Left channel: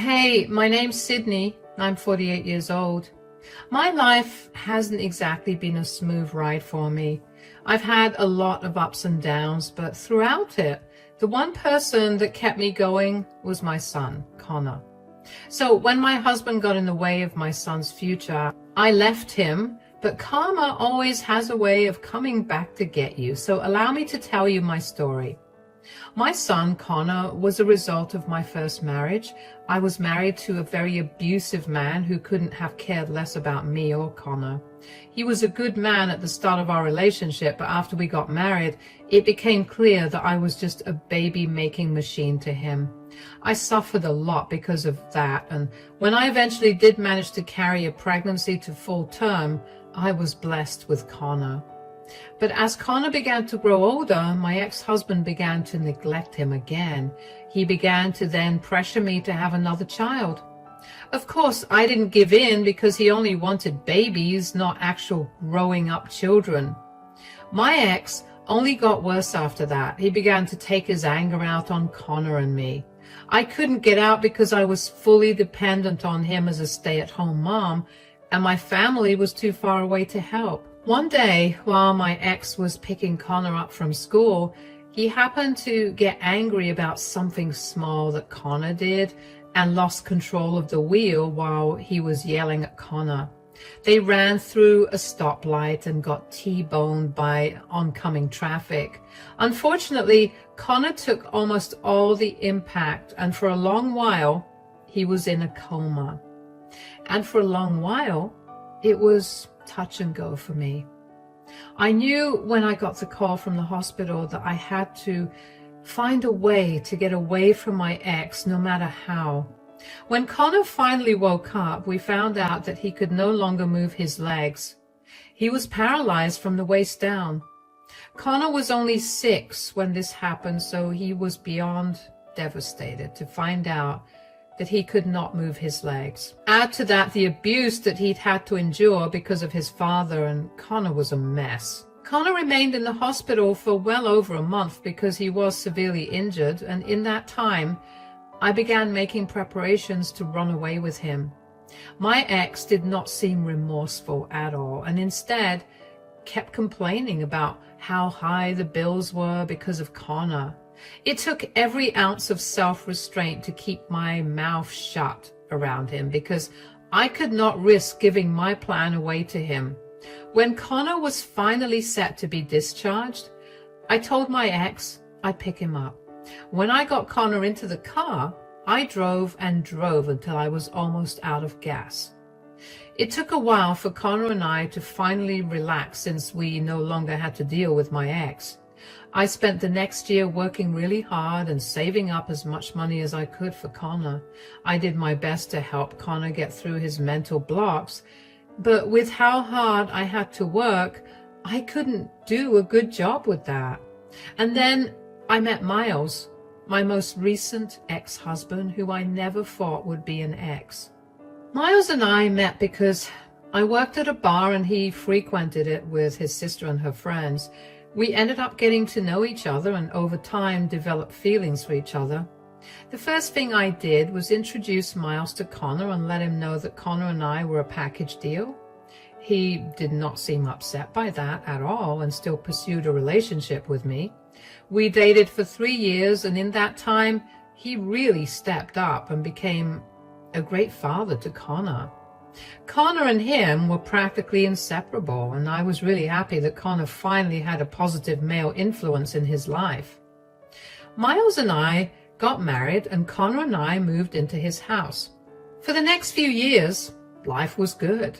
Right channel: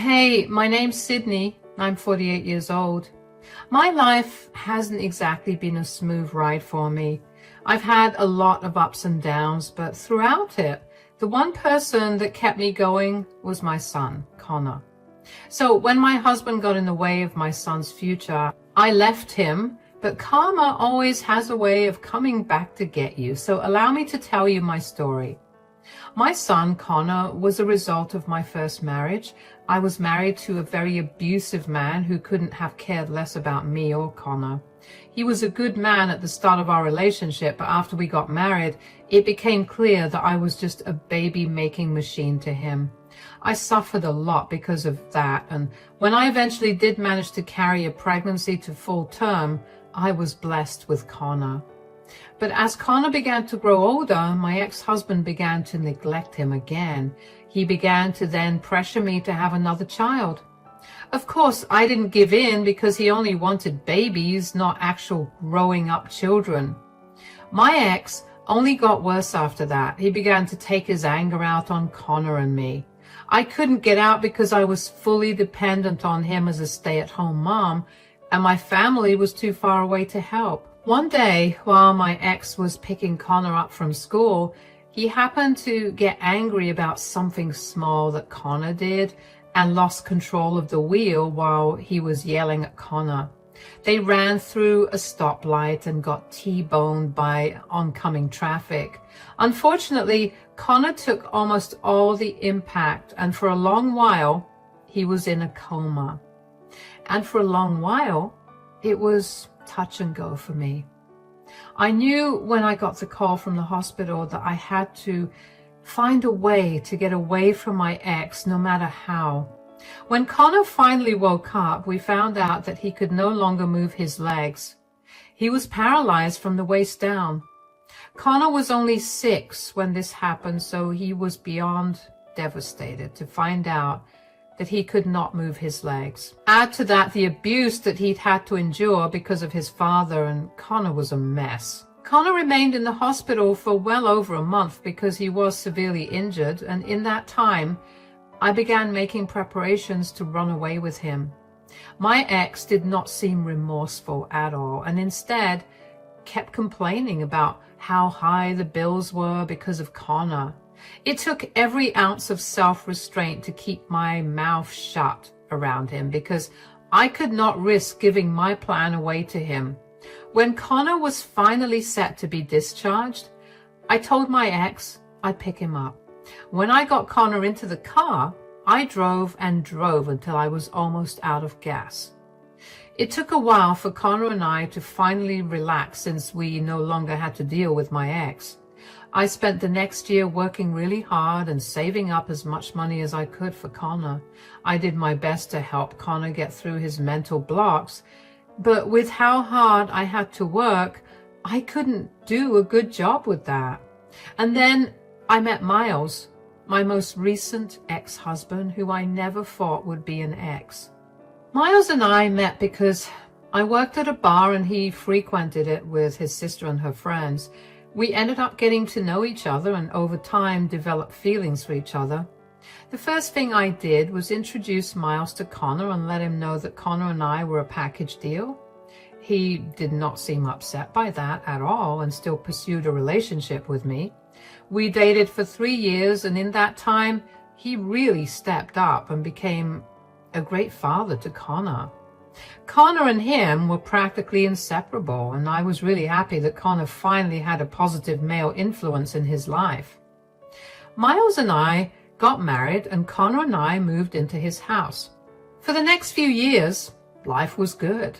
Hey, my name's Sydney. I'm 48 years old. My life hasn't exactly been a smooth ride for me. I've had a lot of ups and downs, but throughout it, the one person that kept me going was my son, Connor. So when my husband got in the way of my son's future, I left him, but karma always has a way of coming back to get you. So allow me to tell you my story. My son, Connor, was a result of my first marriage. I was married to a very abusive man who couldn't have cared less about me or Connor. He was a good man at the start of our relationship, but after we got married, it became clear that I was just a baby-making machine to him. I suffered a lot because of that, and when I eventually did manage to carry a pregnancy to full term, I was blessed with Connor. But as Connor began to grow older, my ex-husband began to neglect him again. He began to then pressure me to have another child. Of course, I didn't give in because he only wanted babies, not actual growing up children. My ex only got worse after that. He began to take his anger out on Connor and me. I couldn't get out because I was fully dependent on him as a stay-at-home mom, and my family was too far away to help. One day, while my ex was picking Connor up from school, he happened to get angry about something small that Connor did and lost control of the wheel while he was yelling at Connor. They ran through a stoplight and got T-boned by oncoming traffic. Unfortunately, Connor took almost all the impact, and for a long while, he was in a coma. And for a long while, it was touch and go for me. I knew when I got the call from the hospital that I had to find a way to get away from my ex, no matter how. When Connor finally woke up, we found out that he could no longer move his legs. He was paralyzed from the waist down. Connor was only 6 when this happened, so he was beyond devastated to find out that he could not move his legs. Add to that the abuse that he'd had to endure because of his father, and Connor was a mess. Connor remained in the hospital for well over a month because he was severely injured, and in that time, I began making preparations to run away with him. My ex did not seem remorseful at all, and instead kept complaining about how high the bills were because of Connor. It took every ounce of self-restraint to keep my mouth shut around him because I could not risk giving my plan away to him. When Connor was finally set to be discharged, I told my ex I'd pick him up. When I got Connor into the car, I drove and drove until I was almost out of gas. It took a while for Connor and I to finally relax since we no longer had to deal with my ex. I spent the next year working really hard and saving up as much money as I could for Connor. I did my best to help Connor get through his mental blocks, but with how hard I had to work, I couldn't do a good job with that. And then I met Miles, my most recent ex-husband, who I never thought would be an ex. Miles and I met because I worked at a bar and he frequented it with his sister and her friends. We ended up getting to know each other and over time developed feelings for each other. The first thing I did was introduce Miles to Connor and let him know that Connor and I were a package deal. He did not seem upset by that at all and still pursued a relationship with me. We dated for 3 years, and in that time, he really stepped up and became a great father to Connor. Connor and him were practically inseparable, and I was really happy that Connor finally had a positive male influence in his life. Miles and I got married, and Connor and I moved into his house. For the next few years, life was good.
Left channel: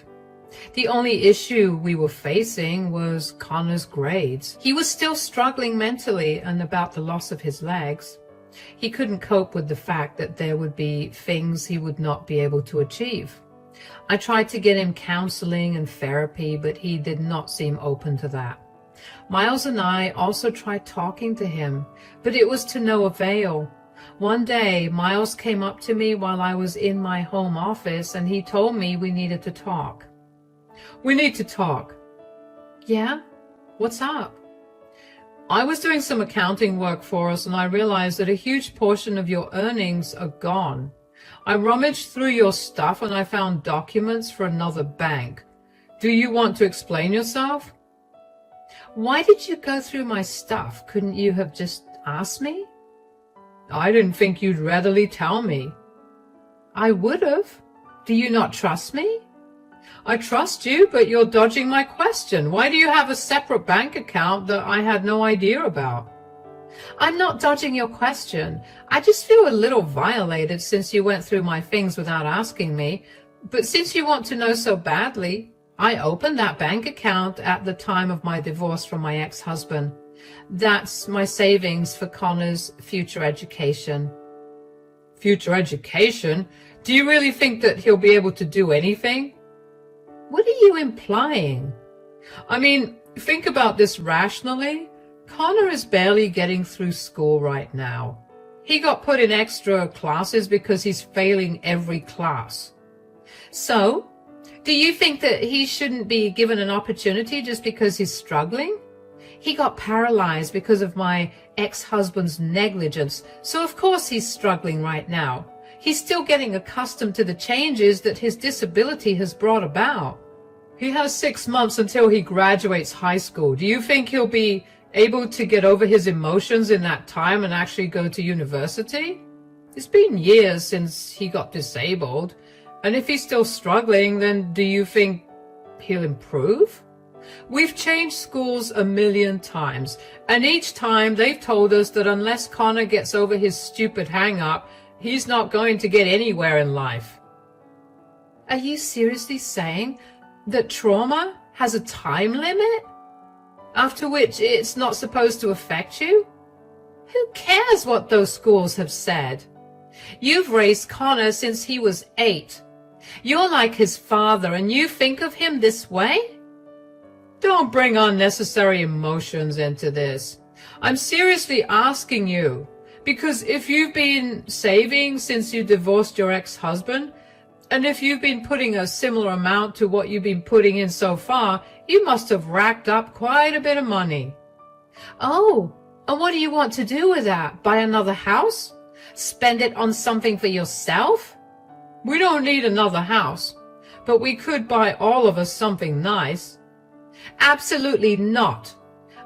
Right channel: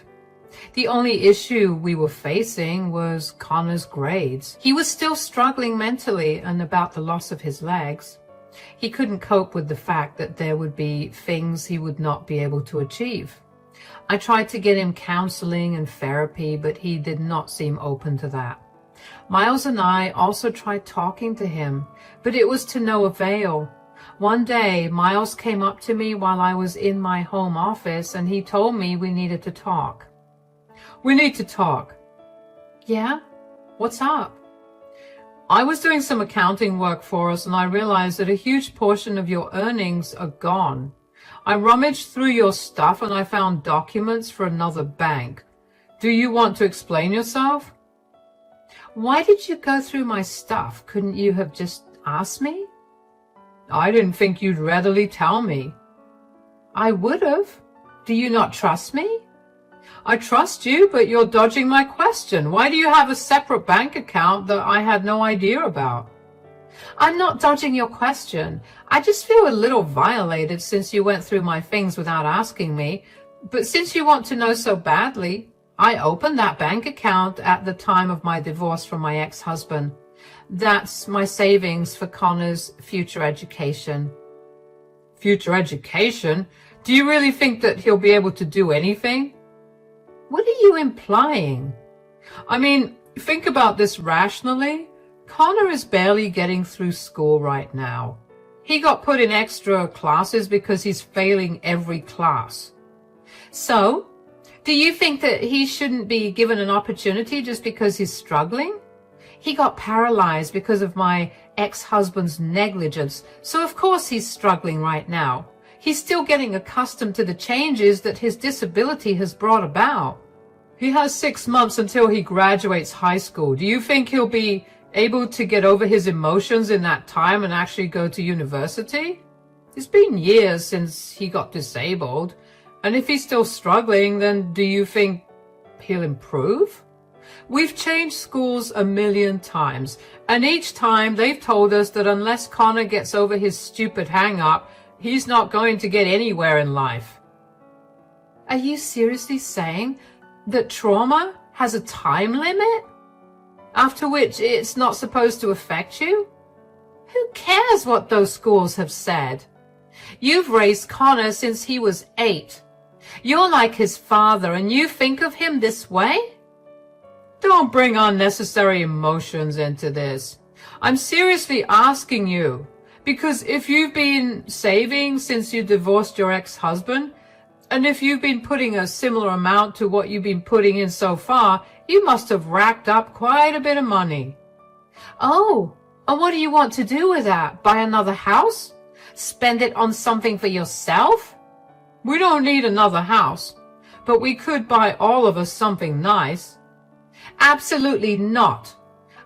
The only issue we were facing was Connor's grades. He was still struggling mentally and about the loss of his legs. He couldn't cope with the fact that there would be things he would not be able to achieve. I tried to get him counseling and therapy, but he did not seem open to that. Miles and I also tried talking to him, but it was to no avail. One day, Miles came up to me while I was in my home office, and he told me we needed to talk. "We need to talk." "Yeah? What's up?" "I was doing some accounting work for us, and I realized that a huge portion of your earnings are gone. I rummaged through your stuff and I found documents for another bank. Do you want to explain yourself? Why did you go through my stuff? Couldn't you have just asked me? I didn't think you'd readily tell me. I would have. Do you not trust me? I trust you, but you're dodging my question. Why do you have a separate bank account that I had no idea about? I'm not dodging your question. I just feel a little violated since you went through my things without asking me. But since you want to know so badly, I opened that bank account at the time of my divorce from my ex-husband. That's my savings for Connor's future education. Future education? Do you really think that he'll be able to do anything? What are you implying? I mean, think about this rationally. Connor is barely getting through school right now. He got put in extra classes because he's failing every class. So, do you think that he shouldn't be given an opportunity just because he's struggling? He got paralyzed because of my ex-husband's negligence, so of course he's struggling right now. He's still getting accustomed to the changes that his disability has brought about. He has 6 months until he graduates high school. Do you think he'll be able to get over his emotions in that time and actually go to university? It's been years since he got disabled, and if he's still struggling, then do you think he'll improve? We've changed schools 1,000,000 times, and each time they've told us that unless Connor gets over his stupid hang-up, he's not going to get anywhere in life. Are you seriously saying that trauma has a time limit? After which it's not supposed to affect you? Who cares what those schools have said? You've raised Connor since he was 8. You're like his father and you think of him this way? Don't bring unnecessary emotions into this. I'm seriously asking you, because if you've been saving since you divorced your ex-husband, and if you've been putting a similar amount to what you've been putting in so far, you must have racked up quite a bit of money. Oh, and what do you want to do with that? Buy another house? Spend it on something for yourself? We don't need another house, but we could buy all of us something nice. Absolutely not.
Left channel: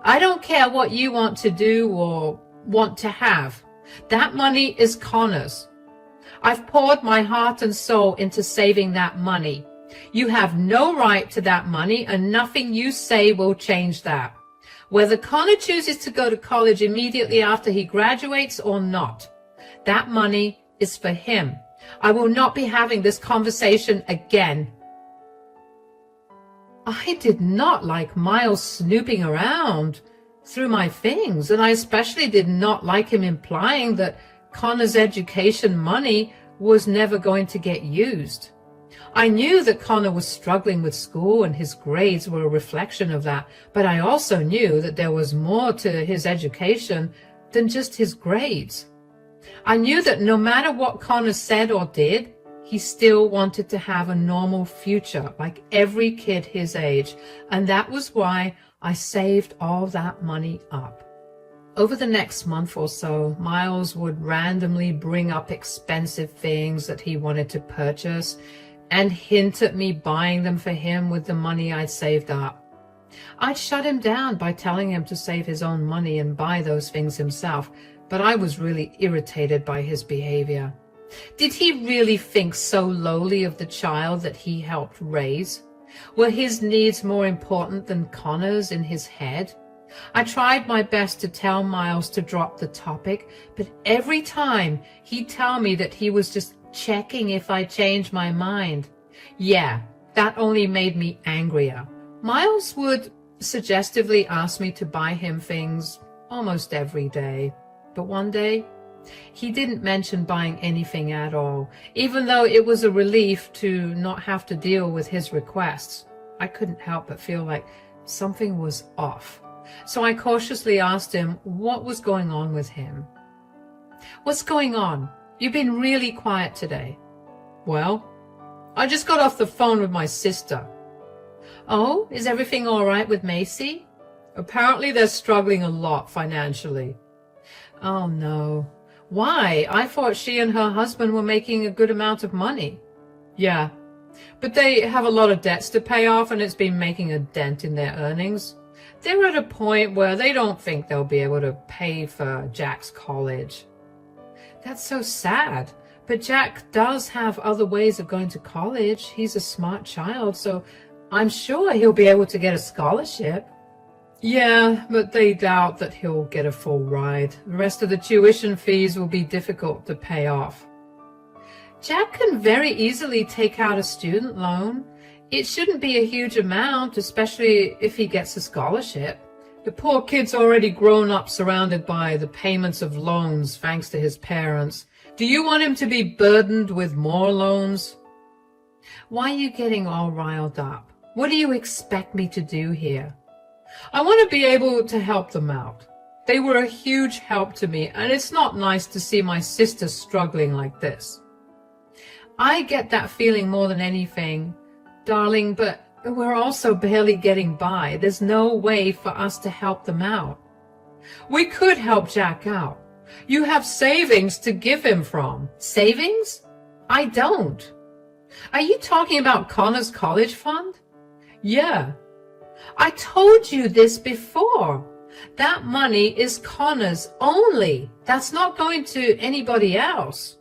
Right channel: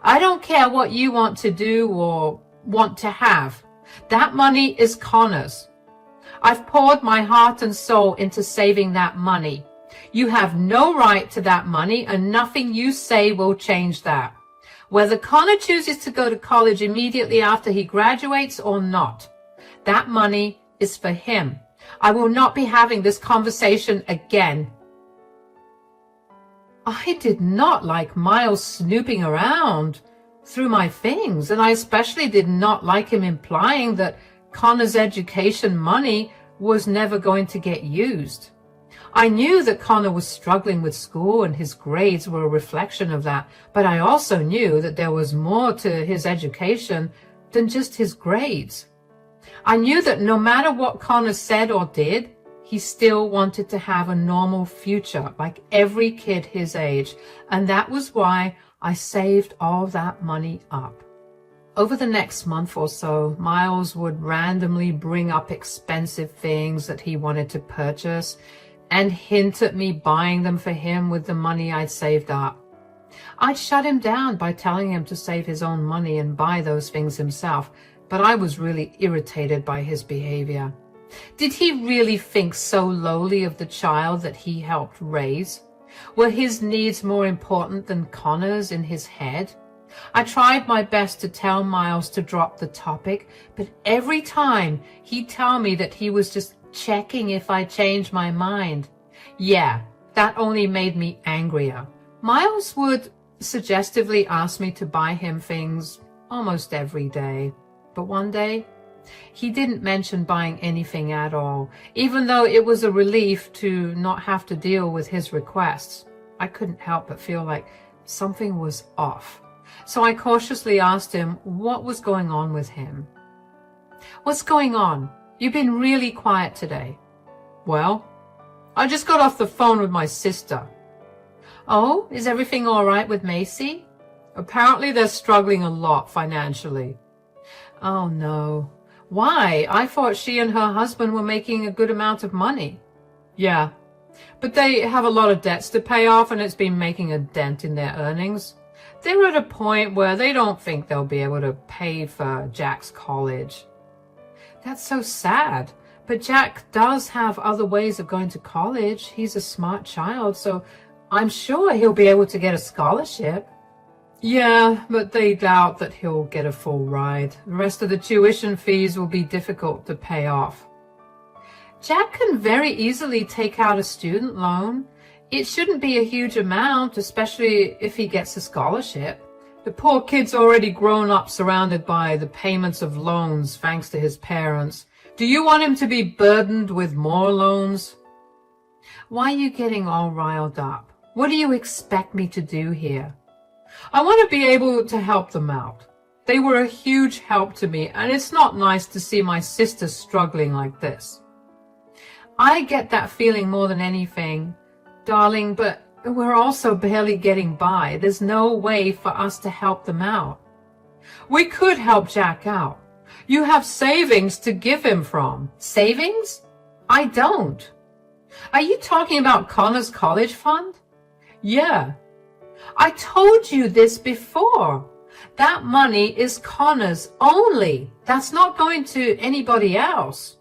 I don't care what you want to do or want to have. That money is Connor's. I've poured my heart and soul into saving that money. You have no right to that money, and nothing you say will change that. Whether Connor chooses to go to college immediately after he graduates or not, that money is for him. I will not be having this conversation again. I did not like Miles snooping around through my things, and I especially did not like him implying that Connor's education money was never going to get used. I knew that Connor was struggling with school and his grades were a reflection of that, but I also knew that there was more to his education than just his grades. I knew that no matter what Connor said or did, he still wanted to have a normal future like every kid his age, and that was why I saved all that money up. Over the next month or so, Miles would randomly bring up expensive things that he wanted to purchase and hint at me buying them for him with the money I'd saved up. I'd shut him down by telling him to save his own money and buy those things himself, but I was really irritated by his behavior. Did he really think so lowly of the child that he helped raise? Were his needs more important than Connor's in his head? I tried my best to tell Miles to drop the topic, but every time he'd tell me that he was just checking if I changed my mind. Yeah, that only made me angrier. Miles would suggestively ask me to buy him things almost every day, but one day he didn't mention buying anything at all, even though it was a relief to not have to deal with his requests. I couldn't help but feel like something was off. So I cautiously asked him what was going on with him. What's going on? You've been really quiet today. Well, I just got off the phone with my sister. Oh, is everything all right with Macy? Apparently they're struggling a lot financially. Oh no. Why? I thought she and her husband were making a good amount of money. Yeah, but they have a lot of debts to pay off, and it's been making a dent in their earnings. They're at a point where they don't think they'll be able to pay for Jack's college. That's so sad. But Jack does have other ways of going to college. He's a smart child, so I'm sure he'll be able to get a scholarship. Yeah, but they doubt that he'll get a full ride. The rest of the tuition fees will be difficult to pay off. Jack can very easily take out a student loan. It shouldn't be a huge amount, especially if he gets a scholarship. The poor kid's already grown up surrounded by the payments of loans thanks to his parents. Do you want him to be burdened with more loans? Why are you getting all riled up? What do you expect me to do here? I want to be able to help them out. They were a huge help to me, and it's not nice to see my sister struggling like this. I get that feeling more than anything, darling, but we're also barely getting by. There's no way for us to help them out. We could help Jack out. You have savings to give him from. Savings? I don't. Are you talking about Connor's college fund? Yeah. I told you this before. That money is Connor's only. That's not going to anybody else.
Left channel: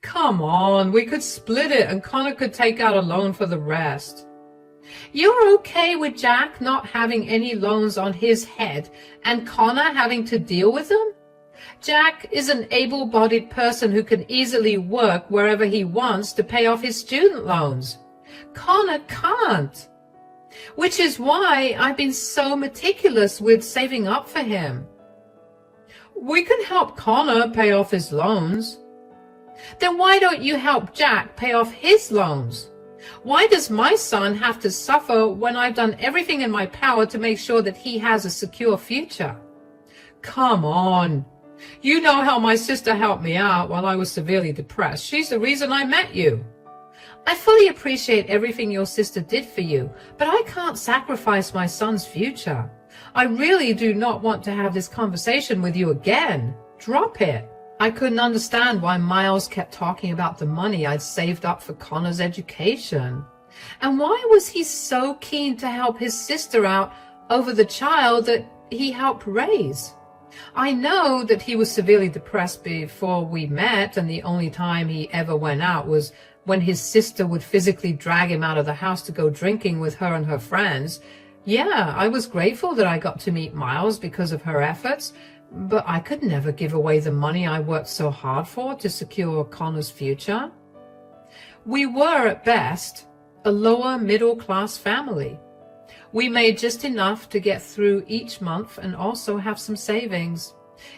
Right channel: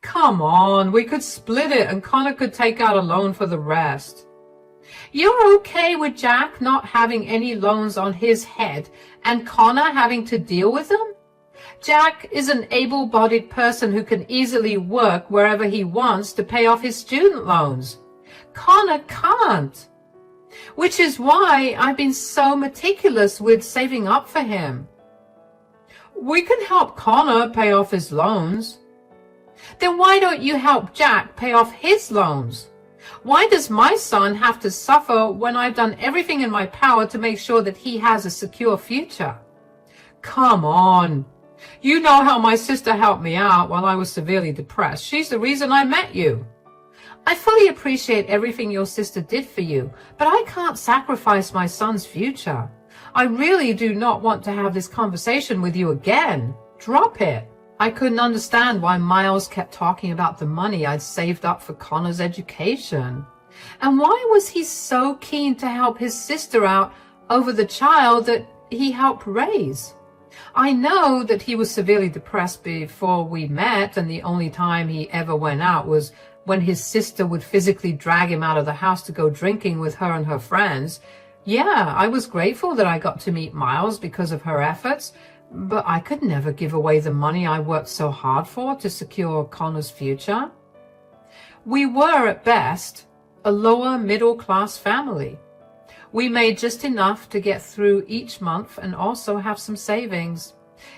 Come on, we could split it and Connor could take out a loan for the rest. You're okay with Jack not having any loans on his head and Connor having to deal with them? Jack is an able-bodied person who can easily work wherever he wants to pay off his student loans. Connor can't. Which is why I've been so meticulous with saving up for him. We can help Connor pay off his loans. Then why don't you help Jack pay off his loans? Why does my son have to suffer when I've done everything in my power to make sure that he has a secure future? Come on. You know how my sister helped me out while I was severely depressed. She's the reason I met you. I fully appreciate everything your sister did for you, but I can't sacrifice my son's future. I really do not want to have this conversation with you again. Drop it. I couldn't understand why Miles kept talking about the money I'd saved up for Connor's education. And why was he so keen to help his sister out over the child that he helped raise? I know that he was severely depressed before we met, and the only time he ever went out was when his sister would physically drag him out of the house to go drinking with her and her friends. Yeah, I was grateful that I got to meet Miles because of her efforts, but I could never give away the money I worked so hard for to secure Connor's future. We were, at best, a lower middle-class family. We made just enough to get through each month and also have some savings.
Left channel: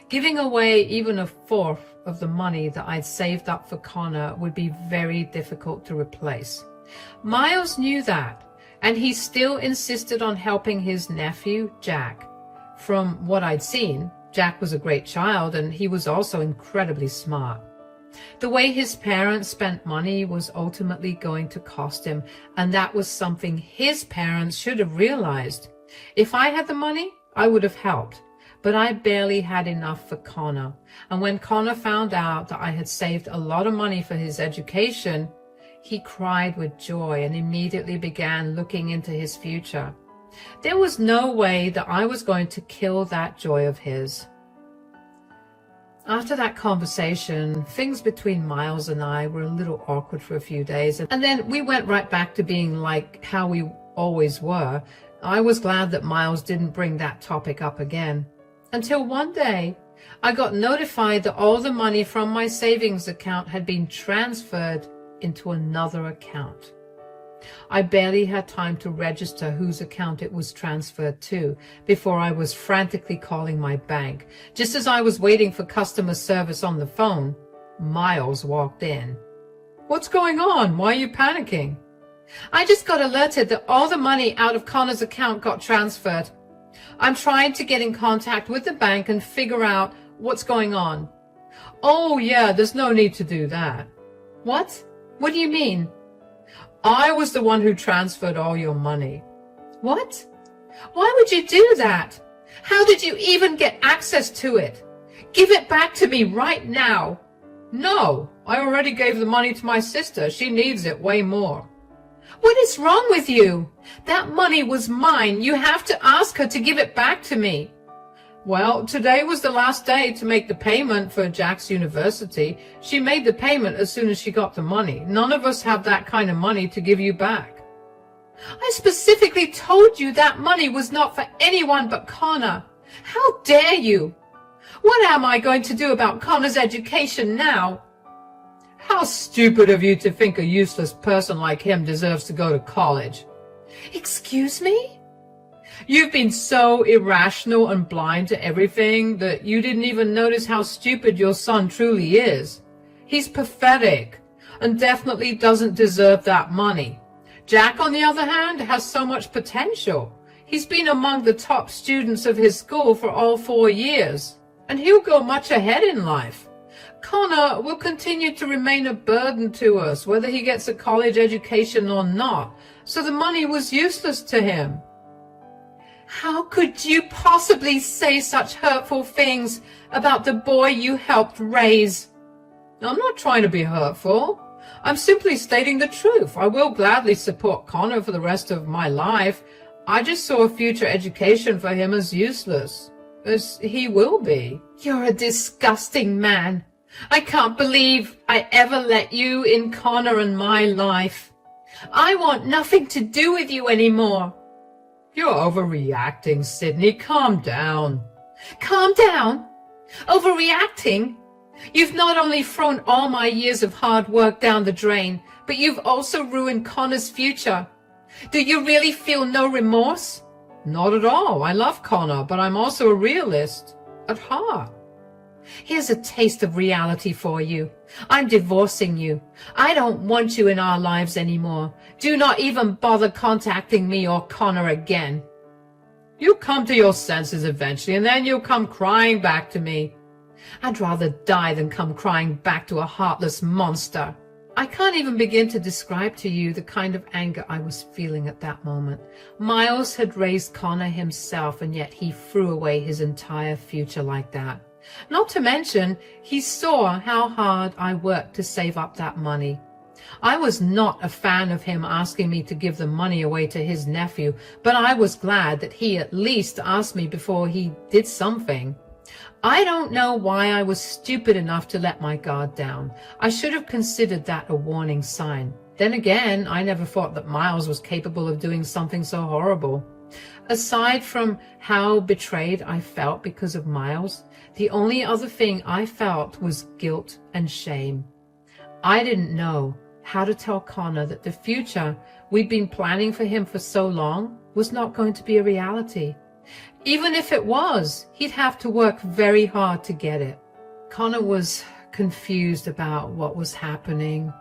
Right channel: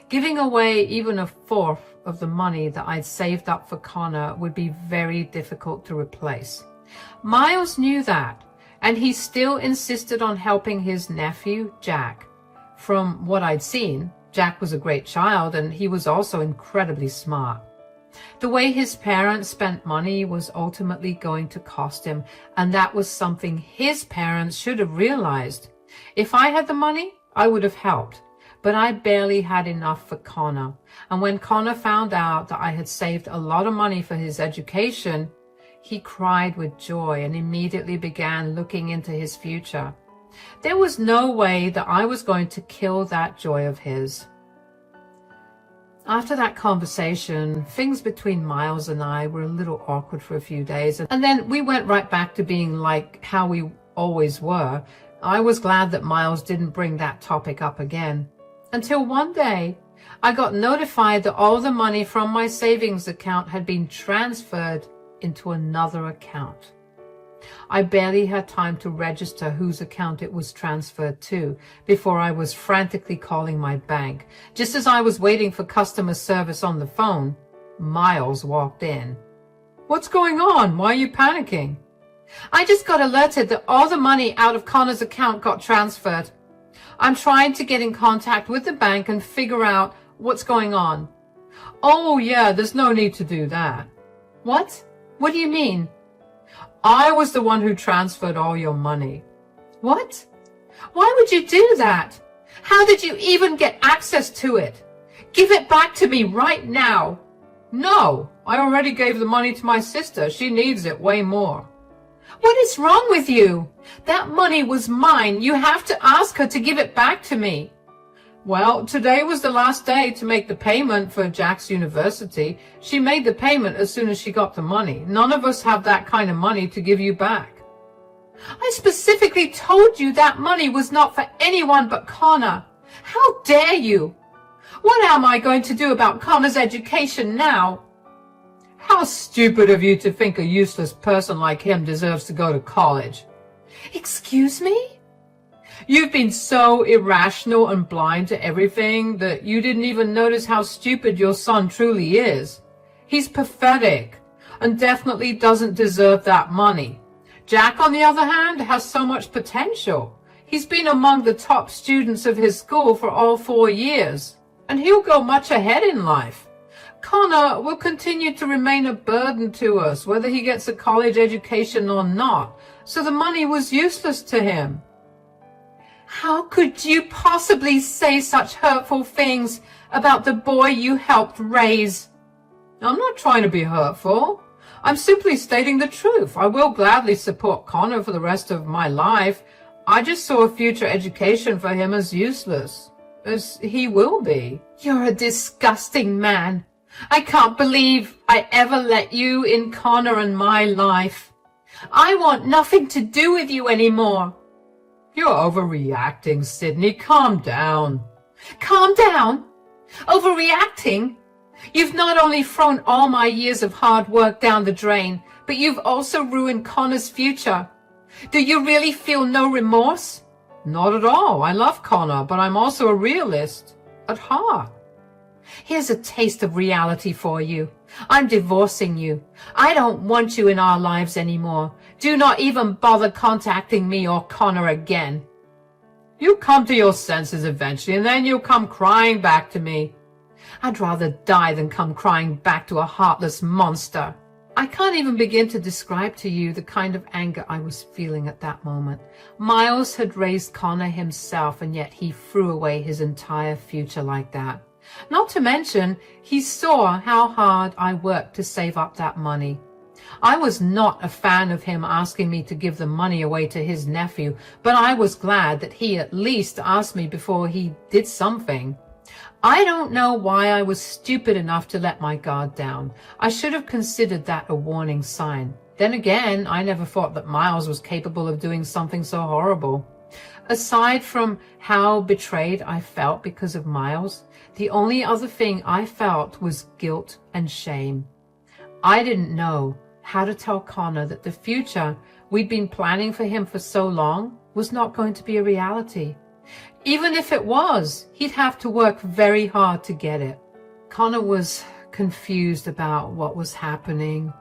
Giving away even a fourth of the money that I'd saved up for Connor would be very difficult to replace. Miles knew that, and he still insisted on helping his nephew, Jack. From what I'd seen, Jack was a great child, and he was also incredibly smart. The way his parents spent money was ultimately going to cost him, and that was something his parents should have realized. If I had the money, I would have helped, but I barely had enough for Connor. And when Connor found out that I had saved a lot of money for his education, he cried with joy and immediately began looking into his future. There was no way that I was going to kill that joy of his. After that conversation, things between Miles and I were a little awkward for a few days, and then we went right back to being like how we always were. I was glad that Miles didn't bring that topic up again. Until one day, I got notified that all the money from my savings account had been transferred into another account. I barely had time to register whose account it was transferred to before I was frantically calling my bank. Just as I was waiting for customer service on the phone, Miles walked in. What's going on? Why are you panicking? I just got alerted that all the money out of Connor's account got transferred. I'm trying to get in contact with the bank and figure out what's going on. Oh yeah, there's no need to do that. What? What do you mean? I was the one who transferred all your money. What? Why would you do that? How did you even get access to it? Give it back to me right now. No, I already gave the money to my sister. She needs it way more. What is wrong with you? That money was mine. You have to ask her to give it back to me. Well, today was the last day to make the payment for Jack's university. She made the payment as soon as she got the money. None of us have that kind of money to give you back. I specifically told you that money was not for anyone but Connor. How dare you? What am I going to do about Connor's education now? How stupid of you to think a useless person like him deserves to go to college. Excuse me? You've been so irrational and blind to everything that you didn't even notice how stupid your son truly is. He's pathetic and definitely doesn't deserve that money. Jack, on the other hand, has so much potential. He's been among the top students of his school for all 4 years, and he'll go much ahead in life. Connor will continue to remain a burden to us, whether he gets a college education or not, so the money was useless to him. How could you possibly say such hurtful things about the boy you helped raise? I'm not trying to be hurtful. I'm simply stating the truth. I will gladly support Connor for the rest of my life. I just saw a future education for him as useless, as he will be. You're a disgusting man. I can't believe I ever let you in Connor and my life. I want nothing to do with you anymore. You're overreacting, Sydney. Calm down. Calm down? Overreacting? You've not only thrown all my years of hard work down the drain, but you've also ruined Connor's future. Do you really feel no remorse? Not at all. I love Connor, but I'm also a realist at heart. Here's a taste of reality for you. I'm divorcing you. I don't want you in our lives anymore. Do not even bother contacting me or Connor again. You'll come to your senses eventually, and then you'll come crying back to me. I'd rather die than come crying back to a heartless monster. I can't even begin to describe to you the kind of anger I was feeling at that moment. Miles had raised Connor himself, and yet he threw away his entire future like that. Not to mention, he saw how hard I worked to save up that money. I was not a fan of him asking me to give the money away to his nephew, but I was glad that he at least asked me before he did something. I don't know why I was stupid enough to let my guard down. I should have considered that a warning sign. Then again, I never thought that Miles was capable of doing something so horrible. Aside from how betrayed I felt because of Miles, the only other thing I felt was guilt and shame. I didn't know how to tell Connor that the future we'd been planning for him for so long was not going to be a reality. Even if it was, he'd have to work very hard to get it. Connor was confused about what was happening,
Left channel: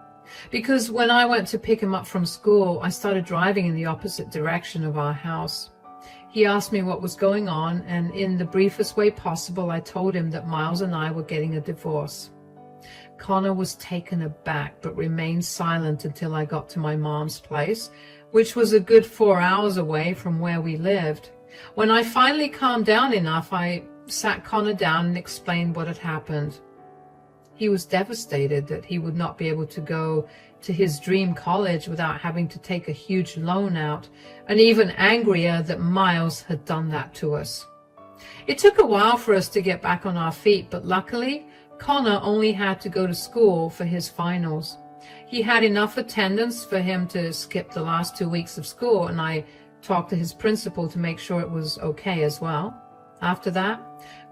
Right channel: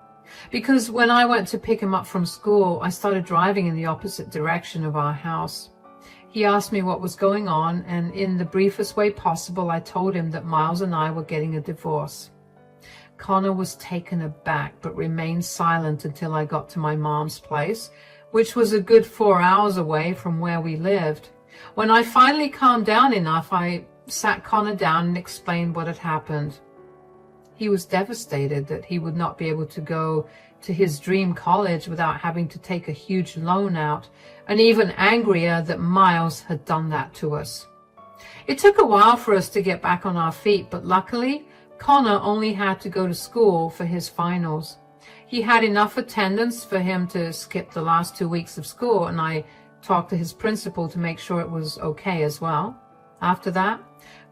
because when I went to pick him up from school, I started driving in the opposite direction of our house. He asked me what was going on, and in the briefest way possible, I told him that Miles and I were getting a divorce. Connor was taken aback, but remained silent until I got to my mom's place, which was a good 4 hours away from where we lived. When I finally calmed down enough, I sat Connor down and explained what had happened. He was devastated that he would not be able to go to his dream college without having to take a huge loan out, and even angrier that Miles had done that to us. It took a while for us to get back on our feet, but luckily, Connor only had to go to school for his finals. He had enough attendance for him to skip the last 2 weeks of school, and I talked to his principal to make sure it was okay as well. After that,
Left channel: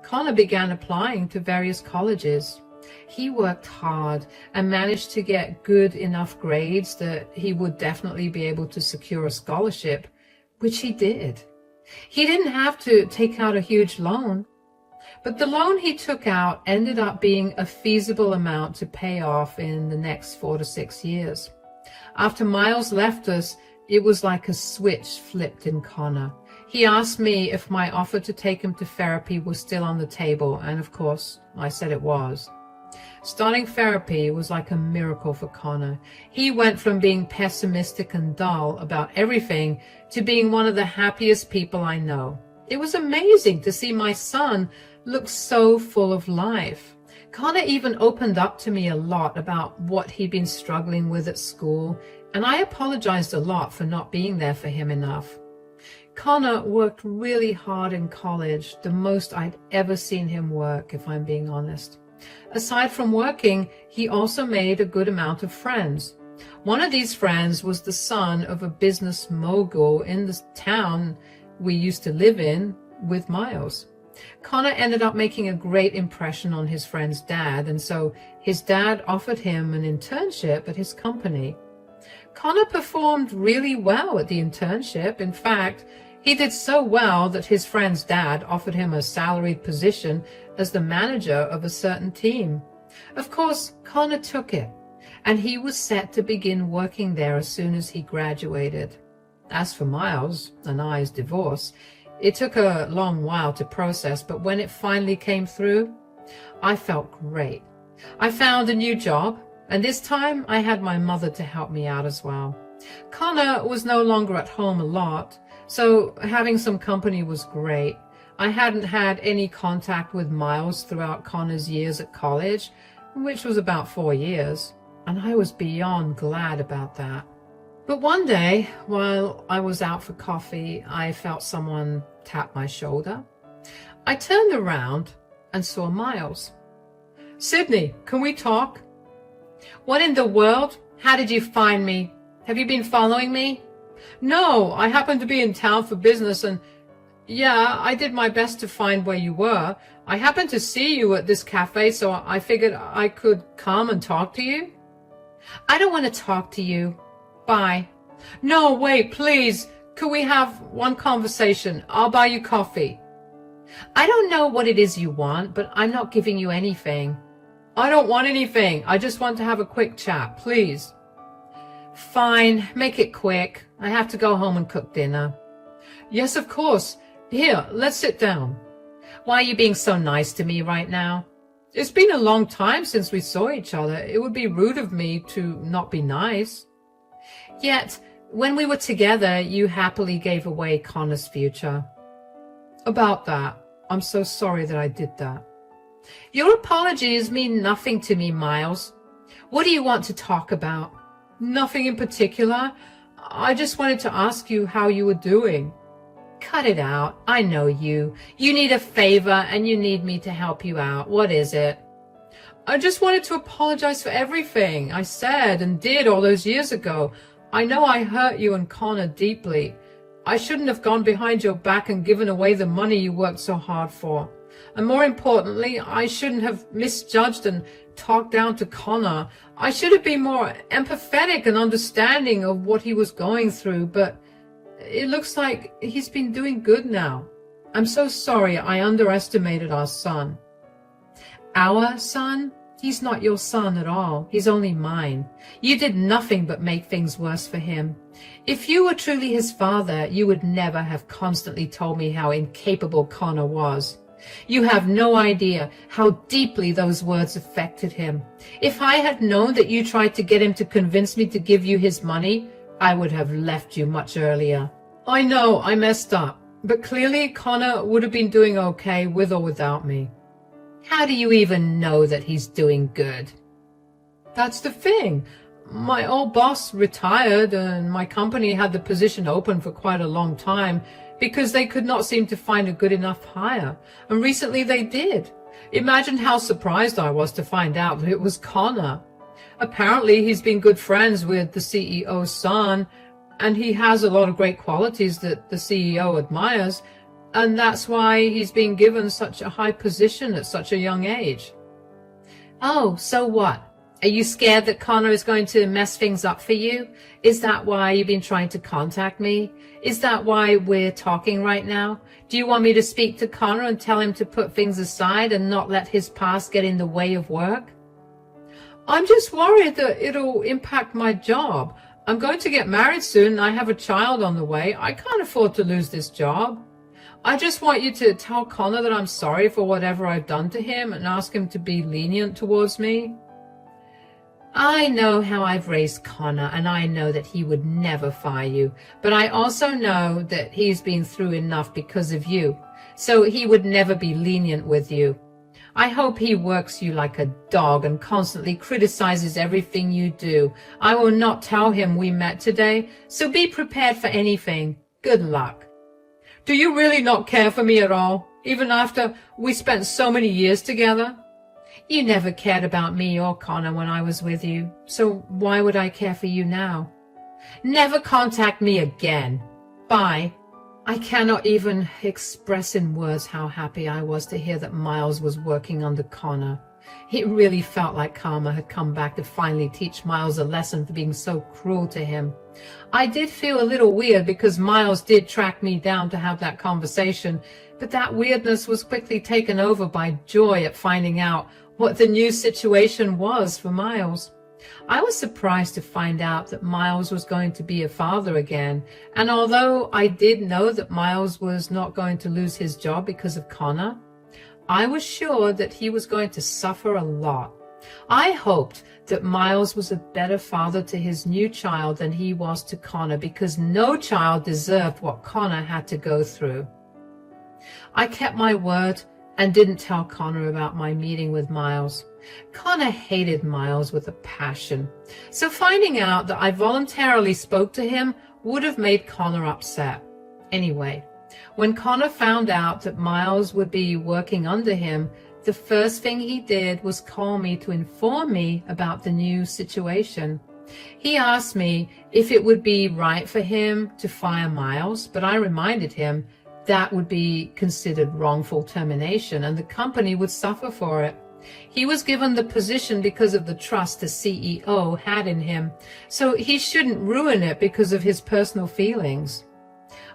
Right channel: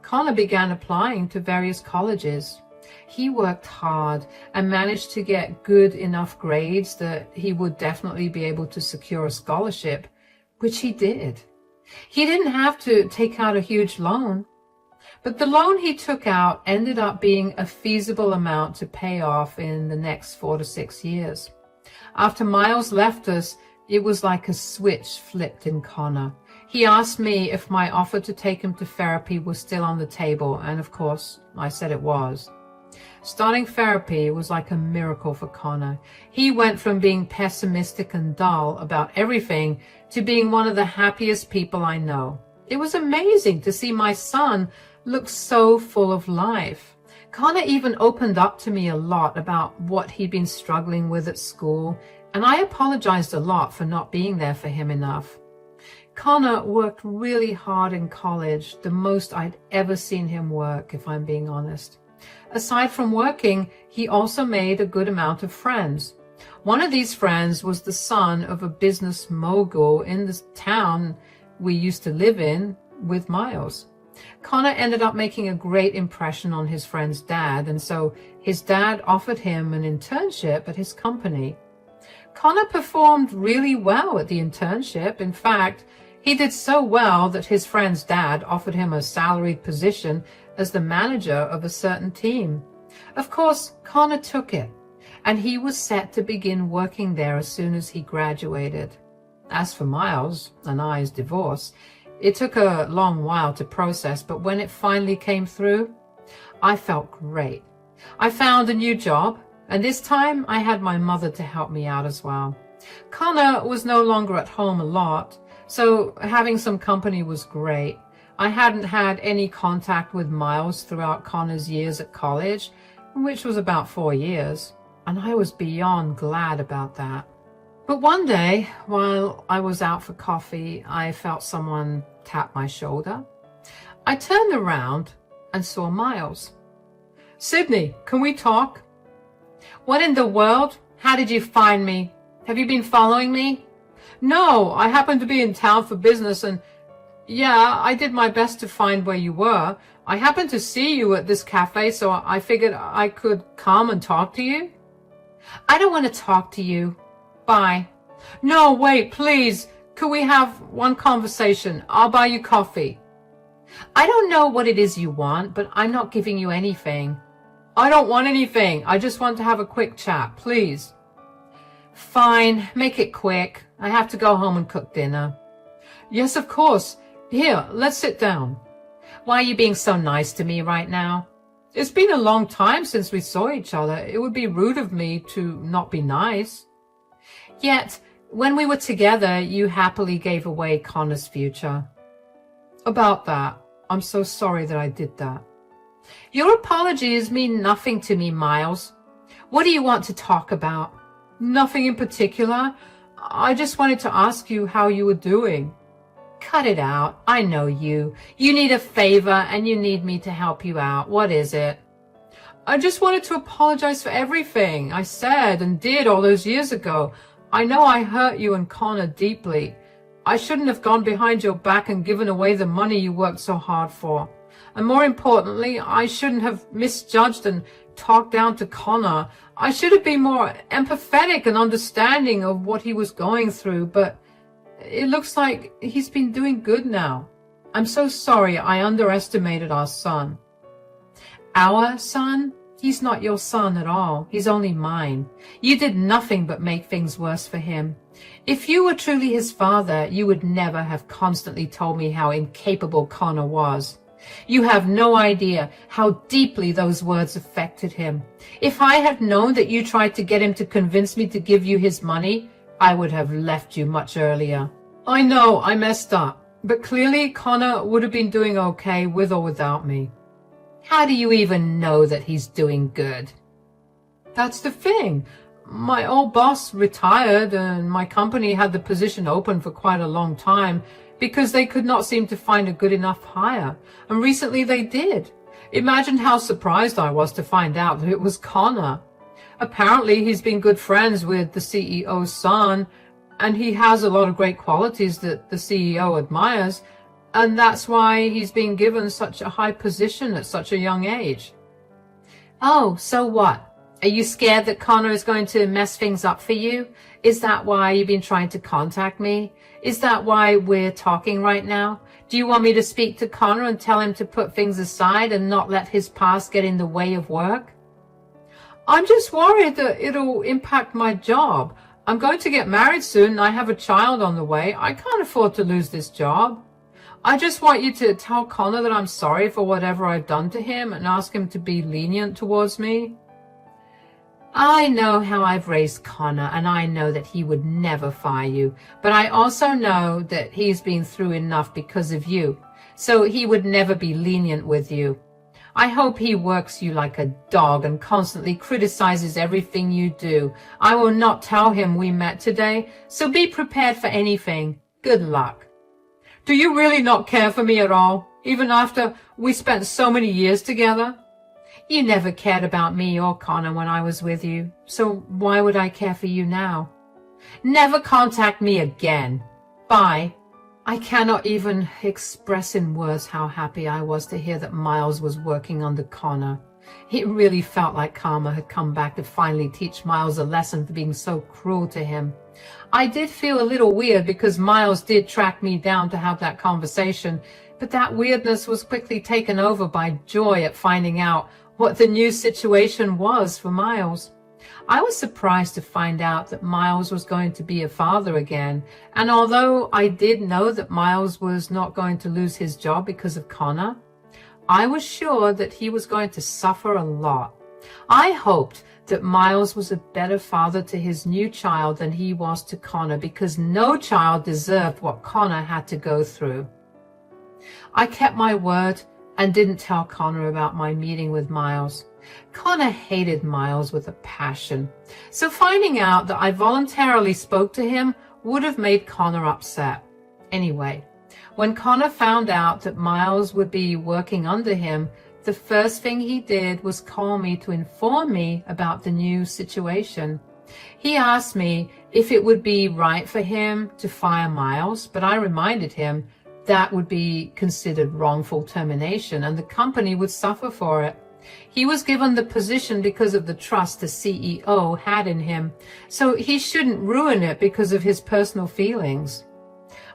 Connor began applying to various colleges. He worked hard and managed to get good enough grades that he would definitely be able to secure a scholarship, which he did. He didn't have to take out a huge loan, but the loan he took out ended up being a feasible amount to pay off in the next 4 to 6 years. After Miles left us, it was like a switch flipped in Connor. He asked me if my offer to take him to therapy was still on the table, and of course, I said it was. Starting therapy was like a miracle for Connor. He went from being pessimistic and dull about everything to being one of the happiest people I know. It was amazing to see my son looked so full of life. Connor even opened up to me a lot about what he'd been struggling with at school, and I apologized a lot for not being there for him enough. Connor worked really hard in college, the most I'd ever seen him work, if I'm being honest. Aside from working, he also made a good amount of friends. One of these friends was the son of a business mogul in the town we used to live in with Miles. Connor ended up making a great impression on his friend's dad, and so his dad offered him an internship at his company. Connor performed really well at the internship. In fact, he did so well that his friend's dad offered him a salaried position as the manager of a certain team. Of course, Connor took it, and he was set to begin working there as soon as he graduated. As for Miles and I's divorce, it took a long while to process, but when it finally came through, I felt great. I found a new job, and this time I had my mother to help me out as well. Connor was no longer at home a lot, so having some company was great. I hadn't had any contact with Miles throughout Connor's years at college, which was about 4 years, and I was beyond glad about that. But one day, while I was out for coffee, I felt someone tap my shoulder. I turned around and saw Miles. "Sydney, can we talk?" "What in the world? How did you find me? Have you been following me?" "No, I happened to be in town for business and yeah, I did my best to find where you were. I happened to see you at this cafe, so I figured I could come and talk to you." "I don't want to talk to you. Bye." "No, wait, please. Could we have one conversation? I'll buy you coffee." "I don't know what it is you want, but I'm not giving you anything." "I don't want anything. I just want to have a quick chat, please." "Fine, make it quick. I have to go home and cook dinner." "Yes, of course. Here, let's sit down." "Why are you being so nice to me right now?" "It's been a long time since we saw each other. It would be rude of me to not be nice." "Yet, when we were together, you happily gave away Connor's future." "About that, I'm so sorry that I did that." "Your apologies mean nothing to me, Miles. What do you want to talk about?" "Nothing in particular. I just wanted to ask you how you were doing." "Cut it out. I know you. You need a favor and you need me to help you out. What is it?" "I just wanted to apologize for everything I said and did all those years ago. I know I hurt you and Connor deeply. I shouldn't have gone behind your back and given away the money you worked so hard for. And more importantly, I shouldn't have misjudged and talked down to Connor. I should have been more empathetic and understanding of what he was going through, but it looks like he's been doing good now. I'm so sorry I underestimated our son." "Our son? He's not your son at all. He's only mine. You did nothing but make things worse for him. If you were truly his father, you would never have constantly told me how incapable Connor was. You have no idea how deeply those words affected him. If I had known that you tried to get him to convince me to give you his money, I would have left you much earlier. I know I messed up, but clearly Connor would have been doing okay with or without me." "How do you even know that he's doing good?" "That's the thing. My old boss retired and my company had the position open for quite a long time because they could not seem to find a good enough hire, and recently they did. Imagine how surprised I was to find out that it was Connor. Apparently he's been good friends with the CEO's son, and he has a lot of great qualities that the CEO admires, and that's why he's been given such a high position at such a young age." "Oh, so what? Are you scared that Connor is going to mess things up for you? Is that why you've been trying to contact me? Is that why we're talking right now? Do you want me to speak to Connor and tell him to put things aside and not let his past get in the way of work?" "I'm just worried that it'll impact my job. I'm going to get married soon and I have a child on the way. I can't afford to lose this job. I just want you to tell Connor that I'm sorry for whatever I've done to him and ask him to be lenient towards me." "I know how I've raised Connor, and I know that he would never fire you, but I also know that he's been through enough because of you. so he would never be lenient with you. I hope he works you like a dog and constantly criticizes everything you do. I will not tell him we met today, so be prepared for anything. Good luck. Do you really not care for me at all, even after we spent so many years together? You never cared about me or Connor when I was with you, so why would I care for you now? Never contact me again. Bye. I cannot even express in words how happy I was to hear that Miles was working under Connor. It really felt like karma had come back to finally teach Miles a lesson for being so cruel to him. I did feel a little weird because Miles did track me down to have that conversation, but that weirdness was quickly taken over by joy at finding out what the new situation was for Miles. I was surprised to find out that Miles was going to be a father again, and although I did know that Miles was not going to lose his job because of Connor, I was sure that he was going to suffer a lot. I hoped that Miles was a better father to his new child than he was to Connor, because no child deserved what Connor had to go through. I kept my word and didn't tell Connor about my meeting with Miles. Connor hated Miles with a passion, so finding out that I voluntarily spoke to him would have made Connor upset. Anyway, when Connor found out that Miles would be working under him, the first thing he did was call me to inform me about the new situation. He asked me if it would be right for him to fire Miles, but I reminded him that would be considered wrongful termination and the company would suffer for it. He was given the position because of the trust the CEO had in him, so he shouldn't ruin it because of his personal feelings.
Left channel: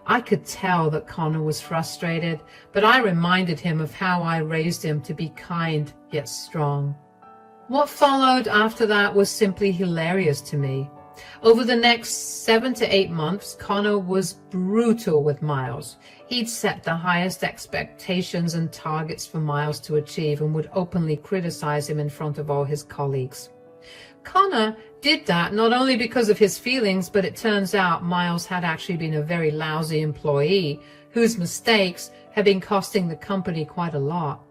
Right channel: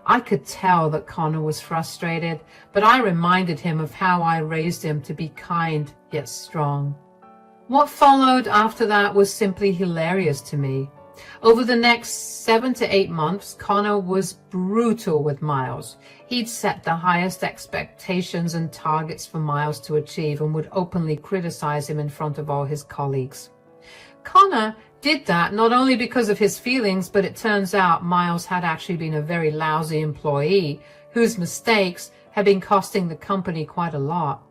I could tell that Connor was frustrated, but I reminded him of how I raised him to be kind yet strong. What followed after that was simply hilarious to me. Over the next 7 to 8 months, Connor was brutal with Miles. He'd set the highest expectations and targets for Miles to achieve and would openly criticize him in front of all his colleagues. Connor did that not only because of his feelings, but it turns out Miles had actually been a very lousy employee whose mistakes had been costing the company quite a lot.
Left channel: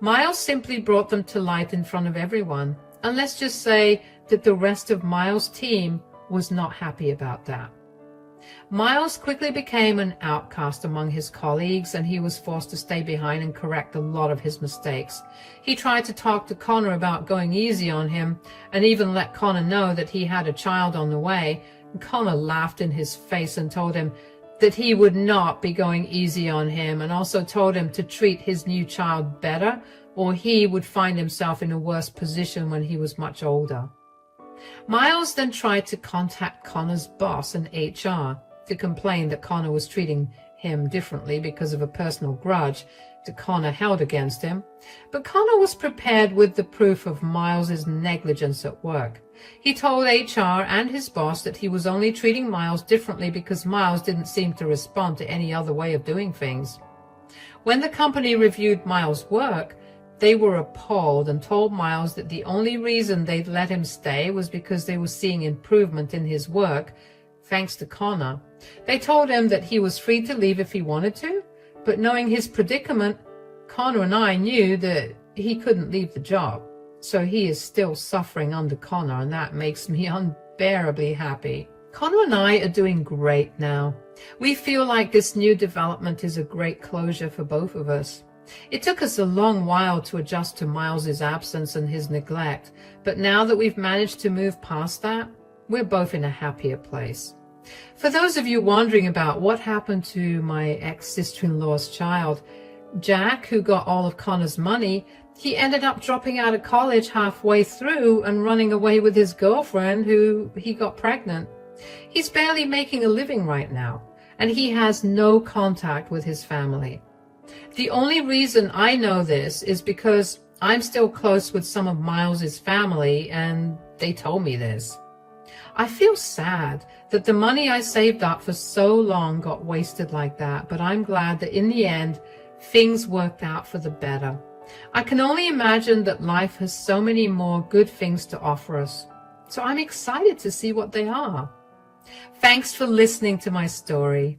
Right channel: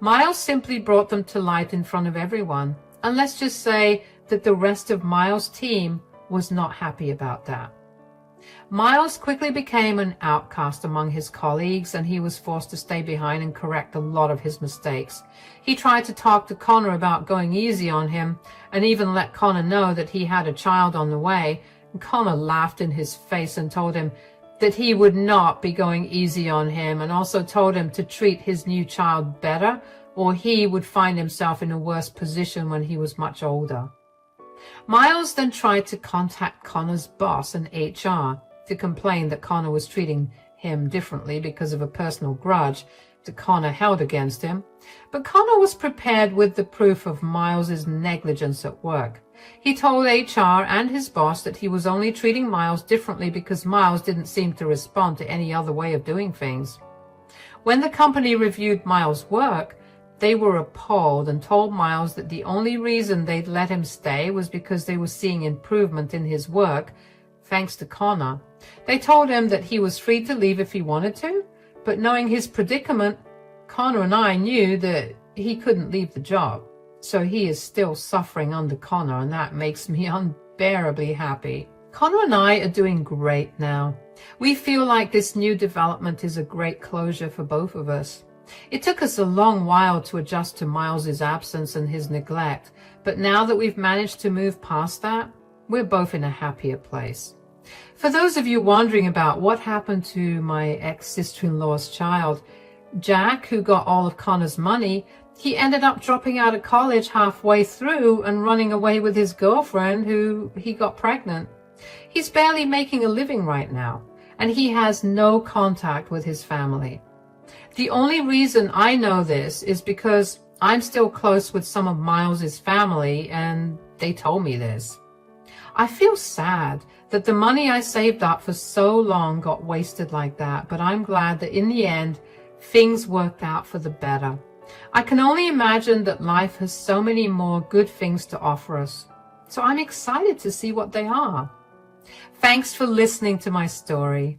Miles simply brought them to light in front of everyone, and let's just say that the rest of Miles' team was not happy about that. Miles quickly became an outcast among his colleagues, and he was forced to stay behind and correct a lot of his mistakes. He tried to talk to Connor about going easy on him, and even let Connor know that he had a child on the way. And Connor laughed in his face and told him that he would not be going easy on him, and also told him to treat his new child better, or he would find himself in a worse position when he was much older. Miles then tried to contact Connor's boss in HR to complain that Connor was treating him differently because of a personal grudge that Connor held against him, but Connor was prepared with the proof of Miles's negligence at work. He told HR and his boss that he was only treating Miles differently because Miles didn't seem to respond to any other way of doing things. When the company reviewed Miles' work, they were appalled and told Miles that the only reason they'd let him stay was because they were seeing improvement in his work, thanks to Connor. They told him that he was free to leave if he wanted to, but knowing his predicament, Connor and I knew that he couldn't leave the job. So he is still suffering under Connor, and that makes me unbearably happy. Connor and I are doing great now. We feel like this new development is a great closure for both of us. It took us a long while to adjust to Miles's absence and his neglect, but now that we've managed to move past that, we're both in a happier place. For those of you wondering about what happened to my ex-sister-in-law's child, Jack, who got all of Connor's money, he ended up dropping out of college halfway through and running away with his girlfriend, who he got pregnant. He's barely making a living right now, and he has no contact with his family. The only reason I know this is because I'm still close with some of Miles's family, and they told me this. I feel sad that the money I saved up for so long got wasted like that, but I'm glad that in the end, things worked out for the better. I can only imagine that life has so many more good things to offer us, so I'm excited to see what they are. Thanks for listening to my story.